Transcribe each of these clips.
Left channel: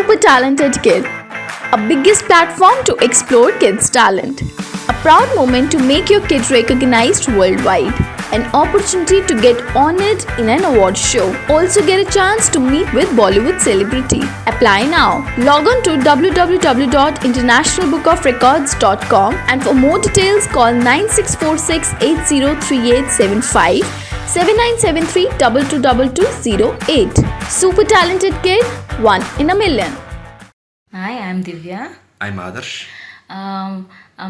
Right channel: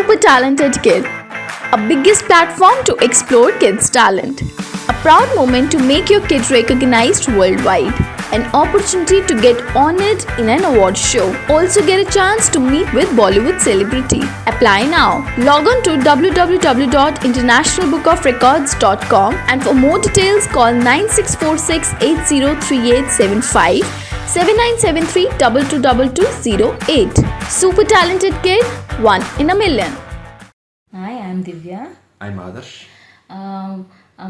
Super Talented Kid, a biggest platform to explore kids' talent. A proud moment to make your kid recognized worldwide. An opportunity to get honored in an award show. Also get a chance to meet with Bollywood celebrity. Apply now. Log on to www.internationalbookofrecords.com and for more details call 9646 803875 7973 222208. Super Talented Kid, one in a million. Hi, I'm Divya. I'm Adarsh.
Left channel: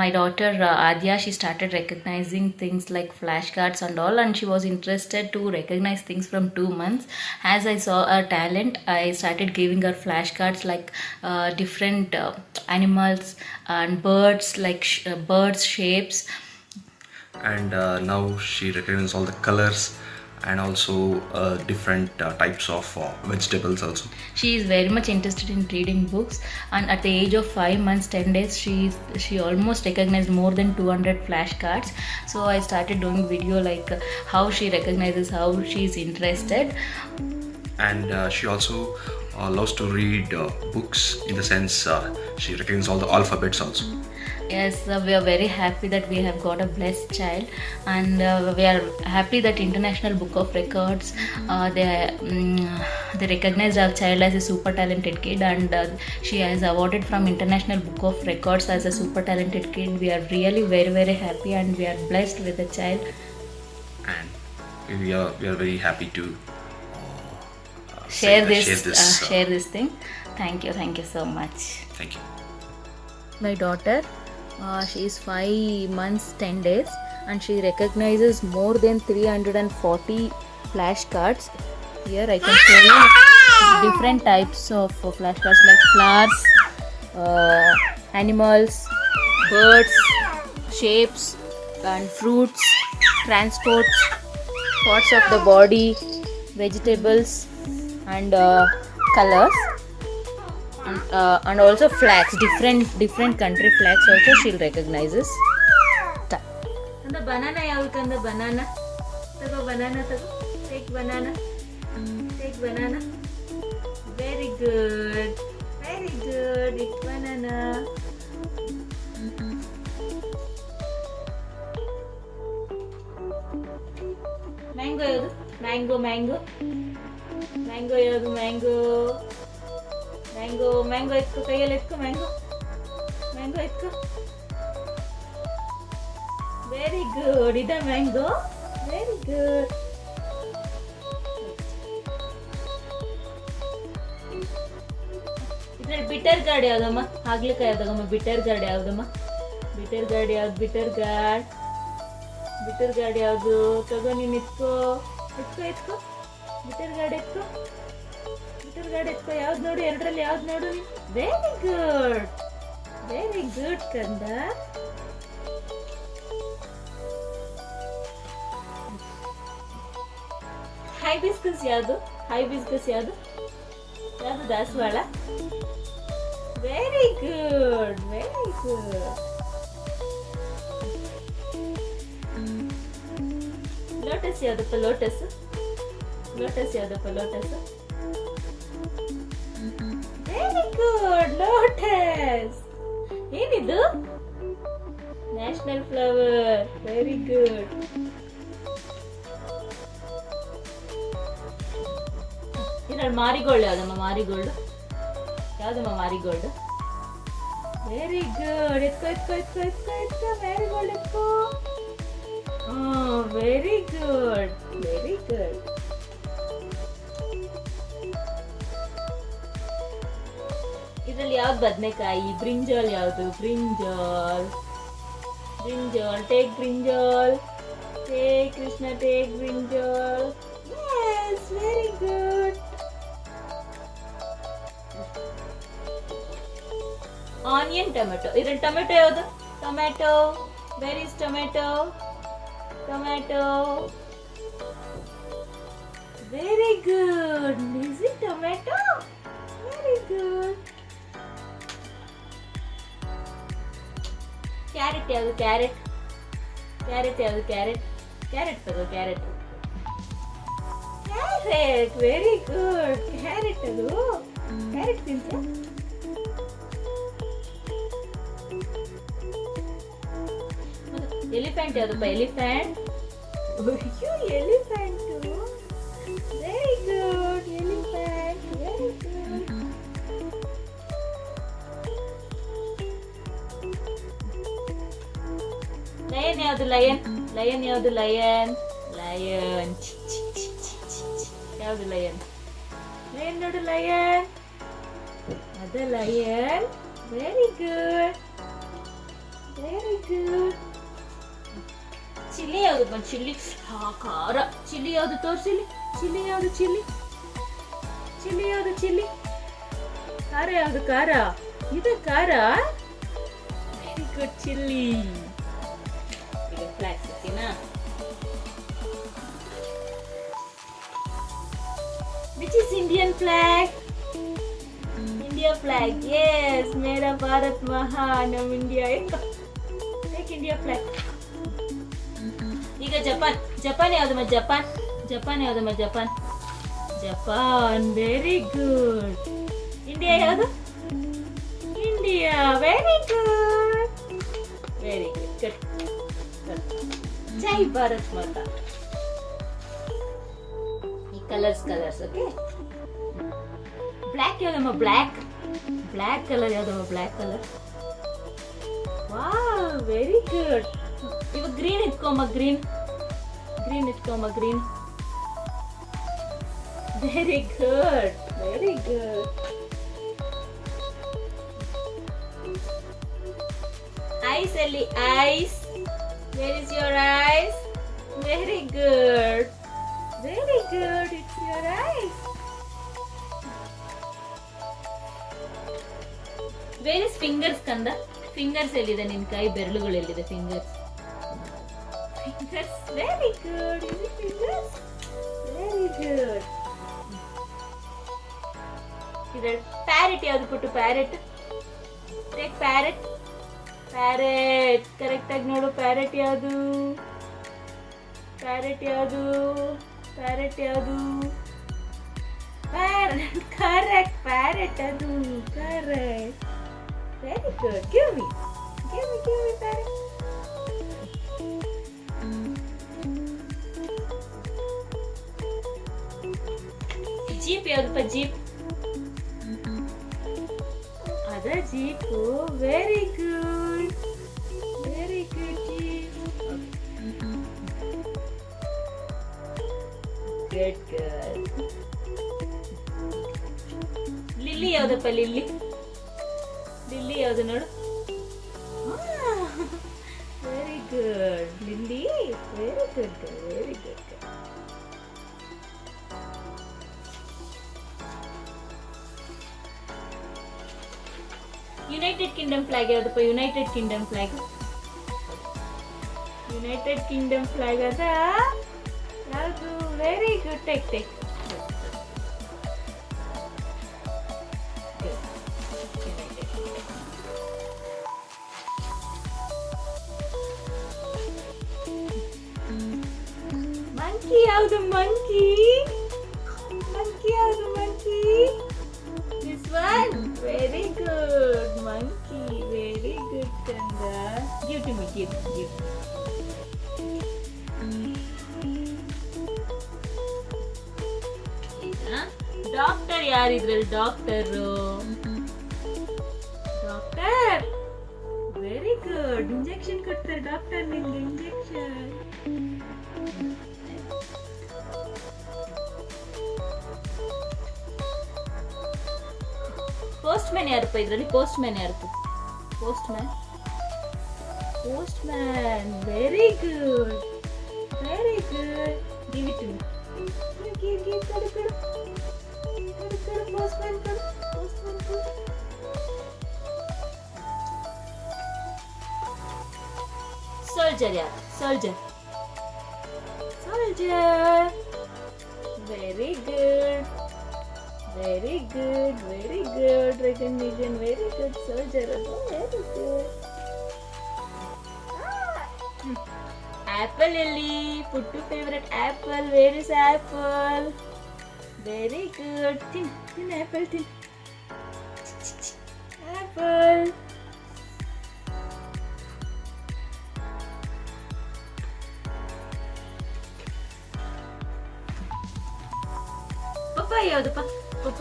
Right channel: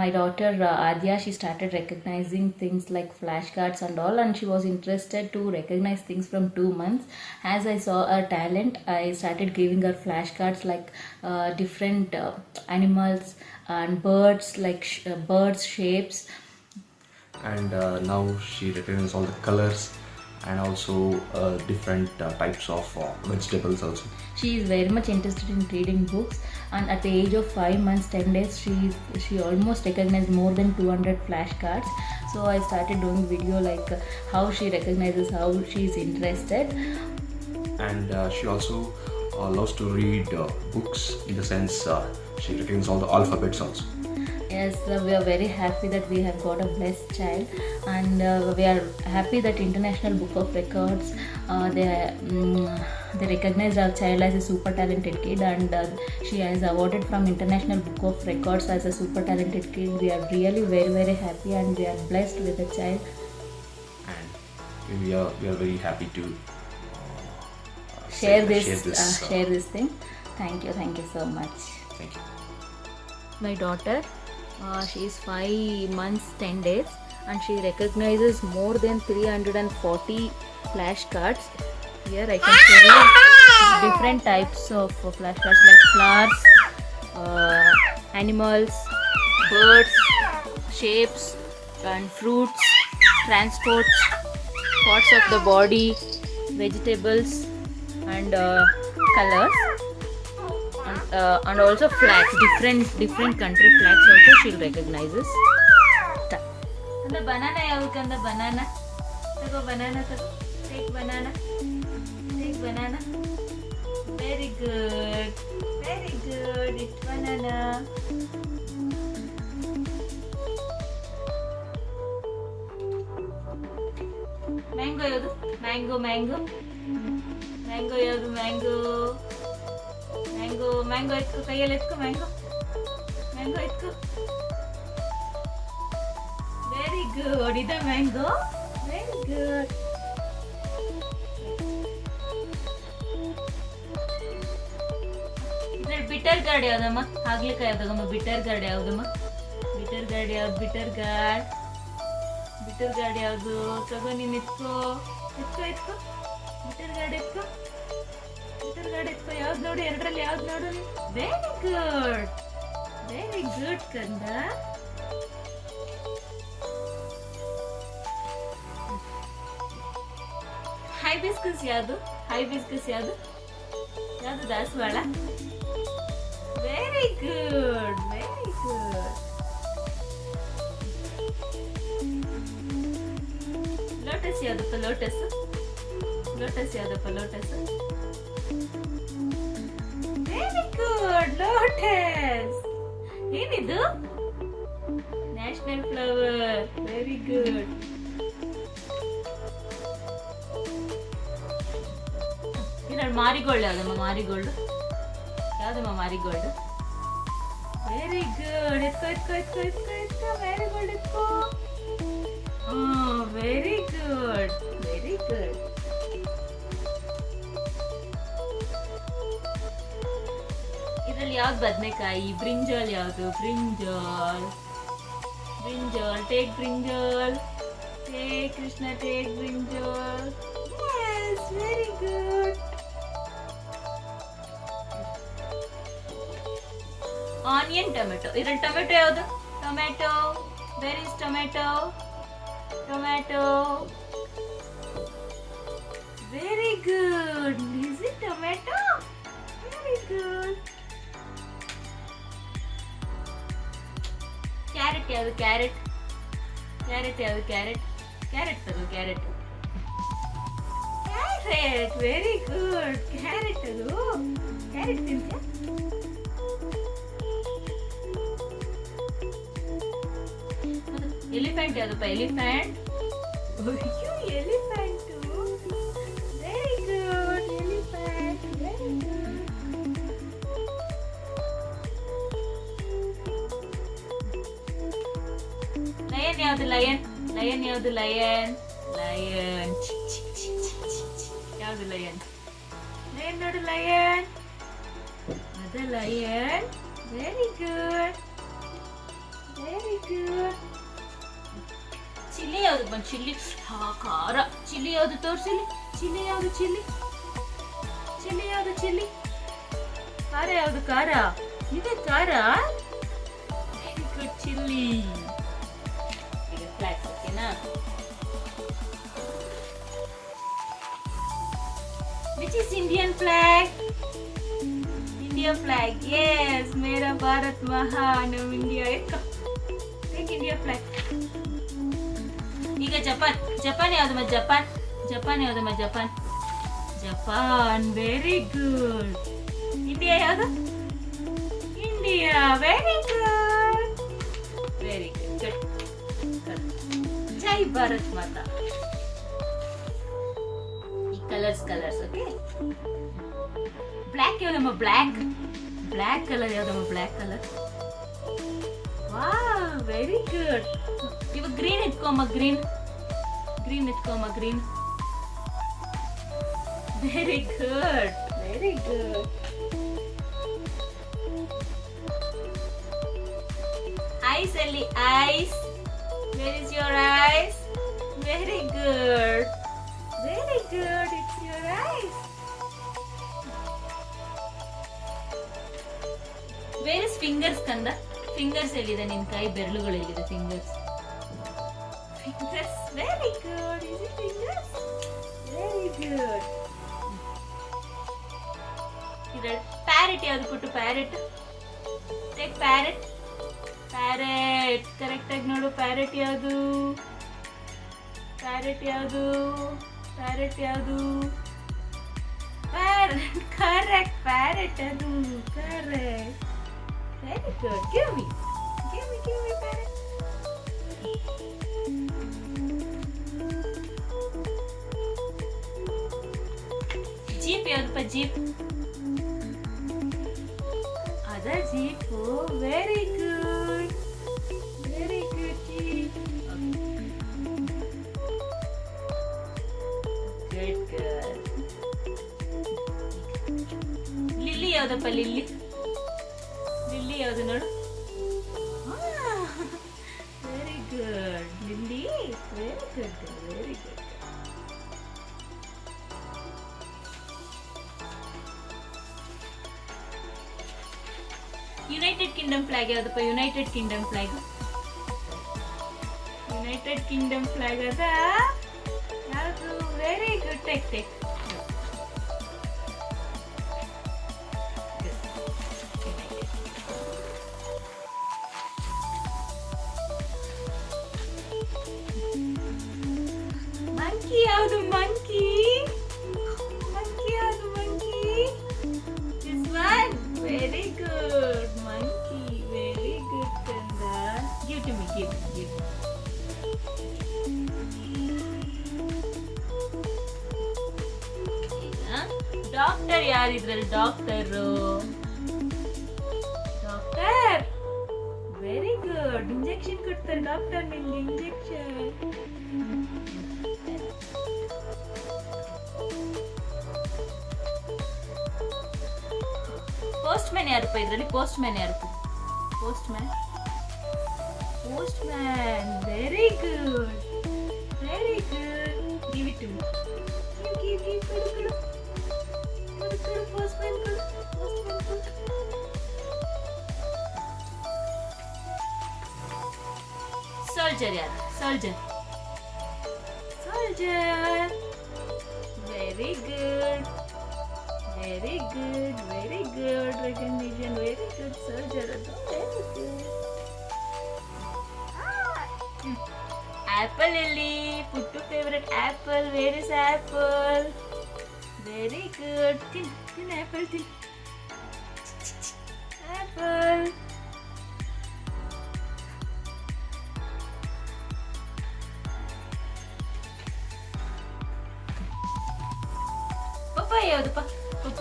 My daughter Adya, she started recognizing things like flashcards and all, and she was interested to recognize things from 2 months. As I saw her talent, I started giving her flashcards like different animals and birds, like birds shapes. And now she recognizes all the colors and also different types of vegetables also. She is very much interested in reading books, and at the age of 5 months 10 days she almost recognized more than 200 flashcards. So I started doing video like how she recognizes, how she is interested. And she also loves to read books in the sense she recognizes all the alphabets also. Yes, we are very happy that we have got a blessed child, and we are happy that International Book of Records they recognized our child as a super talented kid, and she has awarded from International Book of Records as a super talented kid. We are really very very happy, and we are blessed with the child. And we are very happy to share this thing. Thank you so much. Thank you. My daughter, she is 5 months 10 days, and she recognizes more than 340 flashcards. Here I can show you different types of flashcards like flowers, animals, birds, shapes and fruits, transports, parts of the body, vegetables and colors. And also flags, different country flags also she'll recognizes. And the banana yavukanda banana. Tago banana tago. Take banana. Take banana. Very good. Very good. It's banana. Mango yadu. Mango. Mango yadu mango. Mango ಎತ್ಕೊ, ಕೈಯಲ್ಲಿ ಎತ್ಕೊ mango ಎತ್ಕೊ. Very good. ಇದೆ mango. Very good. ಇದ್ರಲ್ಲಿ bitter gourd ಯಾವ್ದಮ್ಮ? ಹಾಗಲಕಾಯಿ ಯಾವ್ದಮ್ಮ? Bitter gourd ಯಾವ್ದಮ್ಮ? ಬಿಟರ್ ಗಾರ್ಡ್ ಯಾವ್ದು? ತಗೋ ನೀನ್ ಎತ್ಕೋ. Bitter guard ಎತ್ಕೋ. ಯಾವ್ದು ನೋಡು? ಎರಡರಲ್ಲಿ ಯಾವ್ದು ನೋಡು? ವೆರಿ ಗುಡ್ ಕಂದ. ಹೈಬಿಸ್ಕಸ್ ಯಾವ್ದು? ಯಾವ್ದು? ದಾಸವಾಳ. Very good. ಲೋಟಸ್ ಯಾವ್ದಪ್ಪ? ಲೋಟಸ್ ಯಾವ್ದಪ್ಪ? Very good. ಲೋಟಸ್. ಏನಿದು? National flower. Very good. ಇದ್ರಲ್ಲಿ ಮಾರಿಗೋಲ್ಡ್ ಯಾವ್ದಮ್ಮ? ಮಾರಿಗೋಲ್ಡ್. Very good. ಎತ್ಕೋ. ಮಾರಿಗೋಲ್ಡ್ ಎತ್ಕೋ. Very good. ಇದ್ರಲ್ಲಿ ಯಾವ್ದು? ಬದನೆಕಾಯಿ. ಬ್ರಿಂಜಾಲ್ ಯಾವುದು? Brinjal. Take brinjal. Take Krishna, take brinjal. Yes, very good. Onion, tomato. ಇದ್ರಲ್ಲಿ ಟೊಮೆಟೊ ಯಾವುದು? Tomato. Where is tomato? Very good. Is it tomato? Very good. Carrot ಯಾವುದು? Carrot ಯಾವುದು? ಕ್ಯಾರೆಟ್ ತಗೋ. ಕ್ಯಾರೆಟ್. Very good. ಕ್ಯಾರೆಟ್ ಅದು. Carrot ತಿಂತೀಯ? Elephant ಯಾವುದಪ್ಪ? Elephant. Elephant very good. Elephant very good. Lion ಯಾವುದು? Lion. Lion ಯಾವುದು? Lion. Lion ಯಾವುದು? Lion. Lion ನೋಡು, lion. ಅದ lion. Very good, very good. Chilli ಯಾವುದು? ಚಿಲ್ಲಿ. ಖಾರ. ಚಿಲ್ಲಿ ಯಾವುದು? ತೋರಿಸಿಲಿ. ಚಿಲ್ಲಿ ಯಾವುದು? ಚಿಲ್ಲಿ. ಚಿಲ್ಲಿ ಯಾವುದು? ಚಿಲ್ಲಿ. ಖಾರ ಯಾವುದು? ಖಾರ. ಇದು ಖಾರ. Very good. ಚಿಲ್ಲಿ. ಈಗ ಫ್ಲಾಕ್ಸ್ ಓಕೆನಾ? Which is Indian flag? India flag. Yes, मेरा भारत महान. हम इंडिया एक इंडिया flag. ಈಗ ಜಪಾನ್. ಜಪಾನ್ ಯಾವುದು? ಮತ್ತೆ ಜಪಾನ್. ಜಪಾನ್ ಯಾವುದು? ಮತ್ತೆ Japan. Japan. Very good. India ಯಾವುದು? India. Very good, very good. ಜೈ ಭಾರತ್ ಮಾತಾ. Colours okay. ಬ್ಲ್ಯಾಕ್ ಯಾವ್ದಮ್ಮ? ಬ್ಲ್ಯಾಕ್. ಬ್ಲ್ಯಾಕ್ ಕಲರ್ ಯಾವ್ದಮ್ಮ? Black colour. Wow, very good. ಇವಾಗ ಗ್ರೀನ್ ಇಟ್ಕೊಮ್ಮ. ಗ್ರೀನ್. ಗ್ರೀನ್ ಇಟ್ಕೊಮ್ಮ. Green. Very good, very good. Eyes ಅಲ್ಲಿ eyes. Where is your eyes? Very good, very good. It's your eyes. Where is fingers, Kanda? Fingers ಎಲ್ಲಿದೆ? ನಿನ್ನ ಕೈ ಬೆರಳುಗಳು ಎಲ್ಲಿದೆ? Fingers. Fingers. Very good. Is it fingers? Very good. ಇದು parrot ಯಾವುದು ಪುಟ್ಟು? Parrot. Take parrot. Parrot. Correct ಆಗಿ ನೋಡು. Parrot ಯಾವುದು? Parrot ಯಾವುದು? ಪ್ಯಾರೆಟ್ ಯಾವುದು? ಪ್ಯಾರೆಟ್. ಕರೆಕ್ಟ್. ಪ್ಯಾರೆಟ್ ಅದು. Correct. Very good. Give me parrot. Jeep ಯಾವ್ದಪ್ಪ? ಜೀಪ್. ಅದ jeep. Very good, very good. Jeep. Good, good. Lily ಯಾವ್ದಪ್ಪ? ಲಿಲ್ಲಿ. ಲಿಲ್ಲಿ ಯಾವ್ದು ನೋಡು? Very good. Lily. Very good, very good. United Kingdom flag ಯಾವ್ದಪ್ಪ? United Kingdom flag. United Kingdom flag ಅದ ಯಾವುದು? Very good. Take. Monkey ಯಾವುದು? Monkey. Monkey ಯಾವುದು? Monkey. This one. Very good. Monkey. Very good ಕಂದ. Give to me. Give. Doctor ಯಾರಿದ್ರಲ್ಲಿ? Doctor. Doctor. Very good. Injection ಕೊಡ್ತಾರೆ doctor ನಿಮ್ಗೆ. Injection. Postman ಯಾರಪ್ಪ ಇದರಲ್ಲಿ? ಪೋಸ್ಟ್ ಮ್ಯಾನ್ ಯಾರು? Postman. Postman. Very good, very good. Give it to me. Give. ಕೊಡು. Postman ಕೊಡು. Soldier ಯಾರು? Soldier. Very good, very good, very good. Recognition. Very good. Soldier ಅದು. Very good. Apple ಎಲ್ಲಿ? ಪುಟ್ಟು favourite apple. Where is apple? Very good. ತಿನ್ apple ತಿನ್.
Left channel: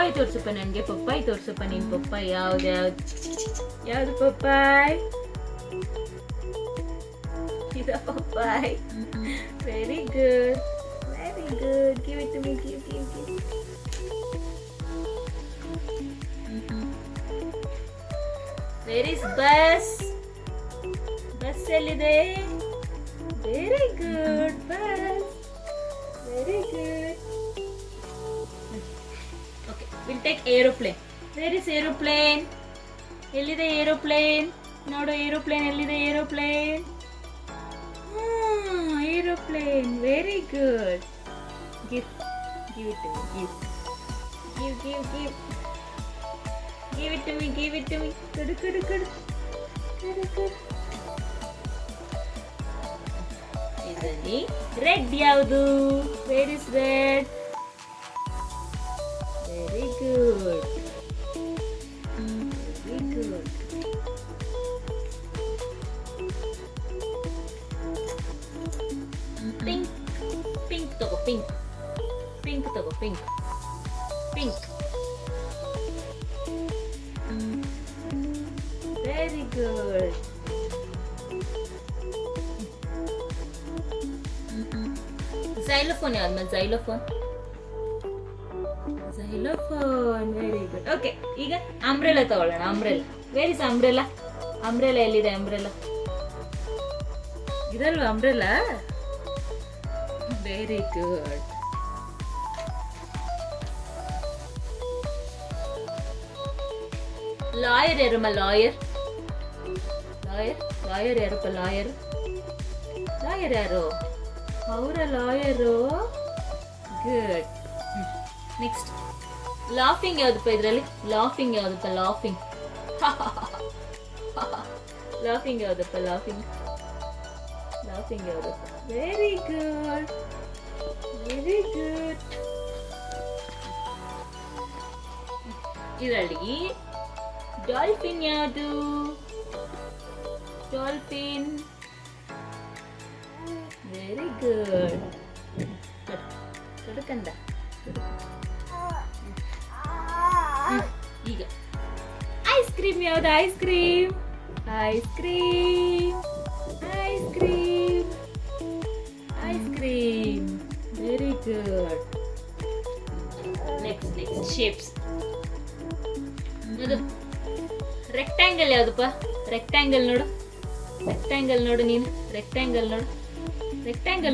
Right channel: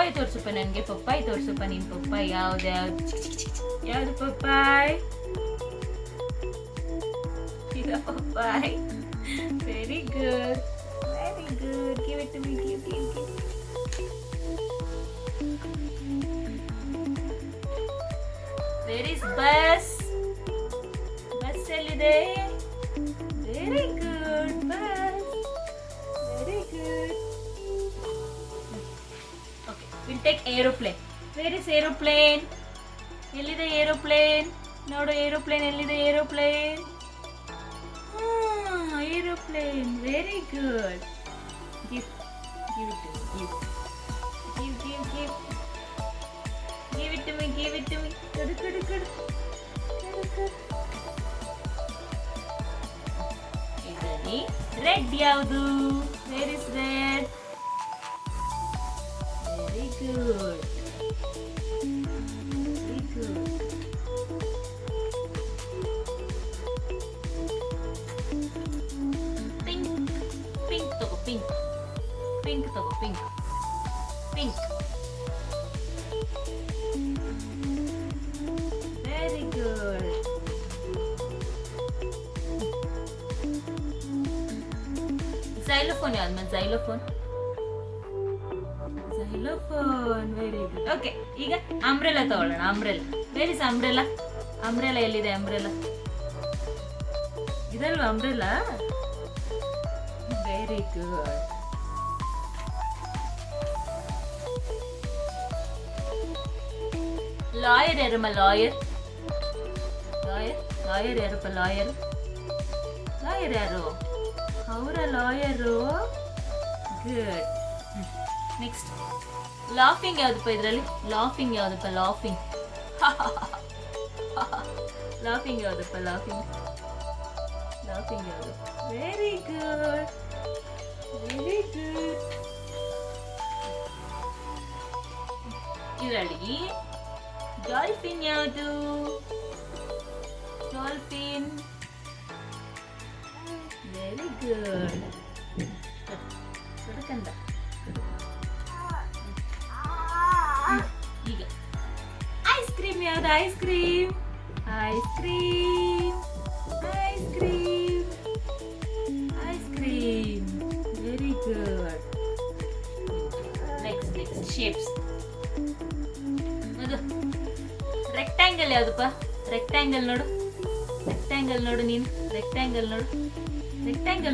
ಪಪ್ಪಾಯಿ ತೋರ್ಸಪ್ಪ ನನಗೆ, ಪಪ್ಪಾಯಿ ತೋರ್ಸಪ್ಪ ನೀನು. ಪಪ್ಪಾಯಿ ಯಾವ್ದು ಯಾವ್ದು ಪಪ್ಪಾಯಿ? ಇದು ಪಪ್ಪಾಯಿ. Very good, very good. Give it to me, give. Where is bus? Bus ಎಲ್ಲಿದೆ? Very good, bus. Very good. Okay, will take aeroplane. Where is aeroplane? ಎಲ್ಲಿದೆ ಏರೋಪ್ಲೇನ್? ನೋಡು ಏರೋಪ್ಲೇನ್ ಎಲ್ಲಿದೆ? Aeroplane, aeroplane. Very good. Give it to me, give. Give it to me, give it to me. Kudu. ಇದರಲ್ಲಿ red ಯಾವುದು? Where is red? Very good. Very good. Pink ತಗೋ, pink ತಗೋ, pink. Very good. Xylophone ಯಾವ್ದು? xylophone. Very good. Okay, ಈಗ umbrella ತಗೊಳ್ಳೋಣ. Umbrella. Where is umbrella? Umbrella ಎಲ್ಲಿದೆ? Umbrella ಇದಲ್ವಾ umbrella? Very good. Lawyer ಯಾರಮ್ಮ? ಲಾಯರ್ ಯಾರಪ್ಪ? ಲಾಯರ್ ಯಾರು? ಅವರ ಲಾಯರು. ಗುಡ್. ನೆಕ್ಸ್ಟ್ ಲಾಫಿಂಗ್ ಯಾವ್ದಪ್ಪ ಇದರಲ್ಲಿ? ಲಾಫಿಂಗ್ ಯಾವ್ದಪ್ಪ? ಲಾಫಿಂಗ್ ಯಾವ್ದಪ್ಪ? ಲಾಫಿಂಗ್ ಯಾವ್ದಪ್ಪ? Very good. ಇದರಲ್ಲಿ ಡಾಲ್ಫಿನ್ ಯಾವುದು? ಡಾಲ್ಫಿನ್. Very good. ಅದಕ್ಕಂದ ಈಗ ಐಸ್ ಕ್ರೀಮ್ ಯಾವುದು? Ice cream. Very good. Next shapes. ಅದು ರೆಕ್ಟ್ಯಾಂಗಲ್ ಯಾವ್ದಪ್ಪ? ರೆಕ್ಟ್ಯಾಂಗಲ್ ನೋಡು ನೀನು. ರೆಕ್ಟ್ಯಾಂಗಲ್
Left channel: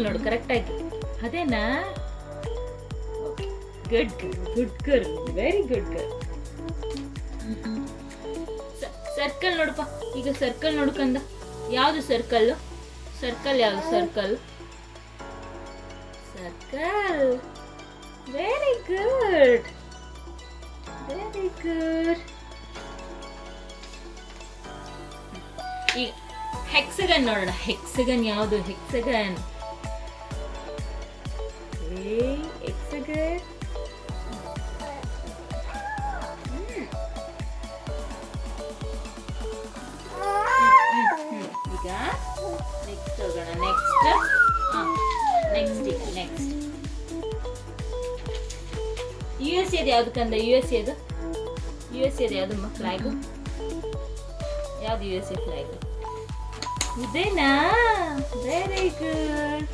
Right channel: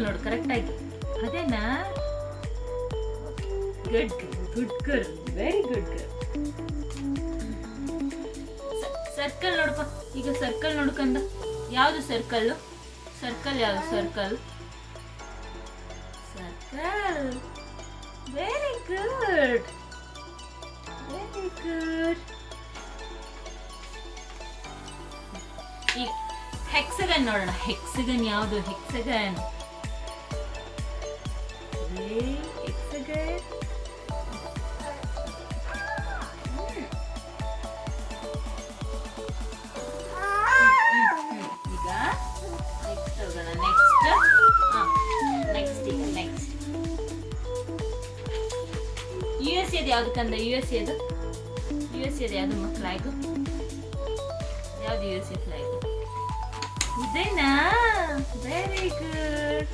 ನೋಡು ಕರೆಕ್ಟ್ ಆಯ್ತು. ಅದೇನಾ? Good girl. Very good girl. Circle ನೋಡಪ್ಪ. ಈಗ ಸರ್ಕಲ್ ನೋಡ್ಕಂದ ಯಾವ್ದು? ಸರ್ಕಲ್ ಯಾವ್ದು? ಸರ್ಕಲ್. Very good. ಈಗ ಹೆಕ್ಸಗನ್ ನೋಡೋಣ. ಹೆಕ್ಸಗನ್ ಯಾವುದು? ಹೆಕ್ಸಗನ್. ಈಗ ನೆಕ್ಸ್ಟ್ ಹೋಗೋಣ. ನೆಕ್ಸ್ಟ್ US ಇದು ಯಾವ್ದು ಕಂದ? US ಇದು ಯಾವ್ದು ಫ್ಲಾಗು? ಯಾವ್ದು USA ಫ್ಲಾಗ್? ಇದೇನಾ? Very good.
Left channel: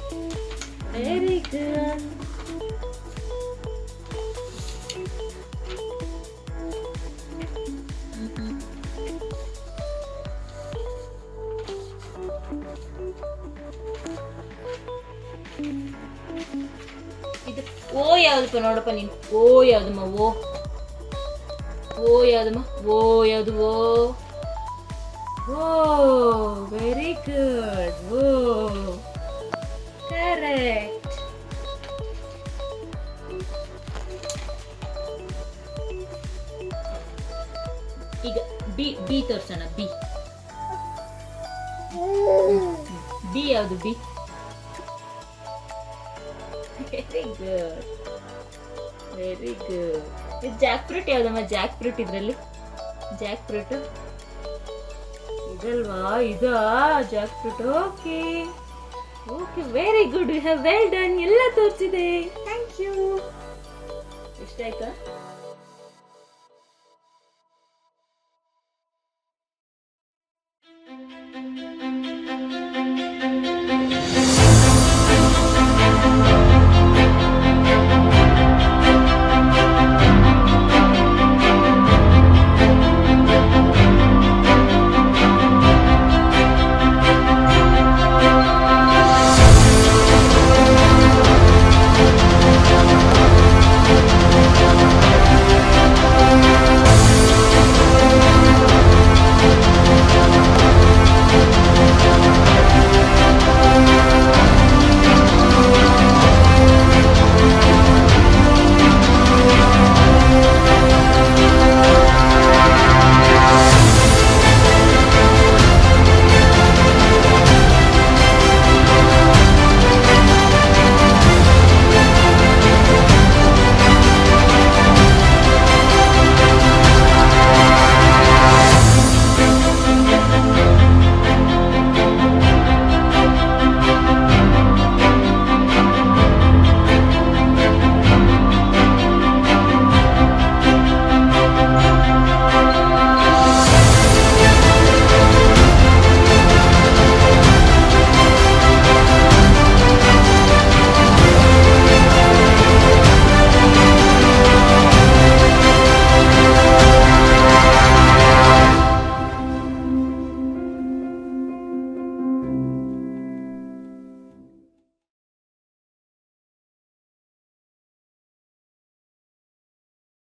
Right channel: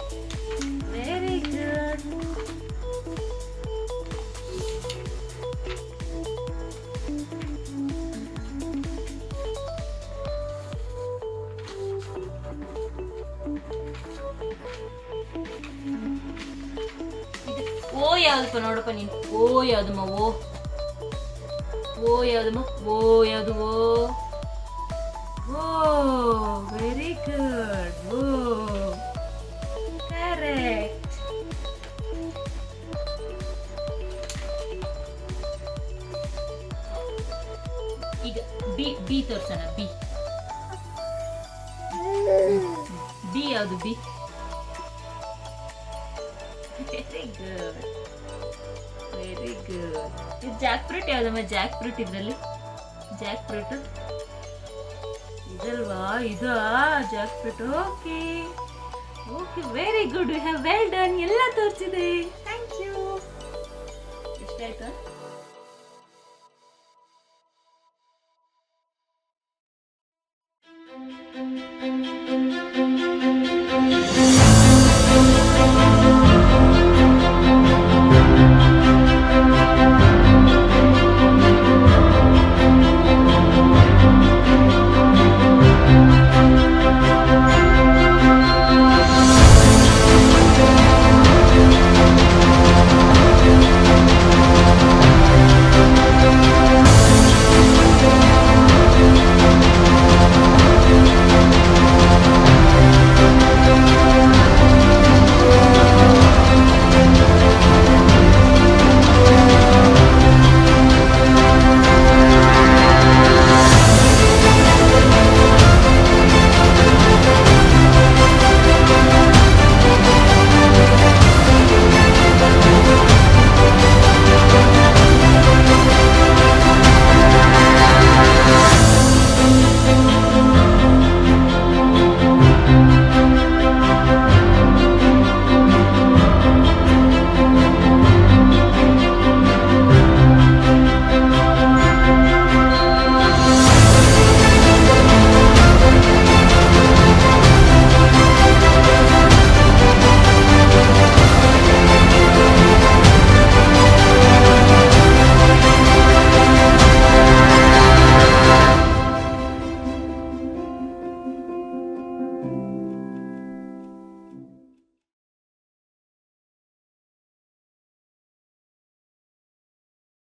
ಓ ಯಾವ್ದಪ್ಪ? ನೋಡಪ್ಪ ನೀನು. ಓ ಯಾವ್ದಮ್ಮ? ಓ ಯಾವ್ದು? O very good. O correct. ಈಗ ಬಿ ತೋರ್ಸೋಣ. ಬಿ ಯಾವುದು? ಬಿ. Very good. ಇದು ಜಾಕ್ ಫ್ರೂಟ್ ಯಾವ್ದಮ್ಮ? Jackfruit. ಇದರಲ್ಲಿ ಜಾಕ್ ಫ್ರೂಟ್ ಇದಲ್ವಾ? ಇದಾ jackfruit? Okay, very good. You have well done. ಎಲ್ಲ ತೋರಿಸಿದೆ. Thank you. ಎಷ್ಟಾಯ್ತು?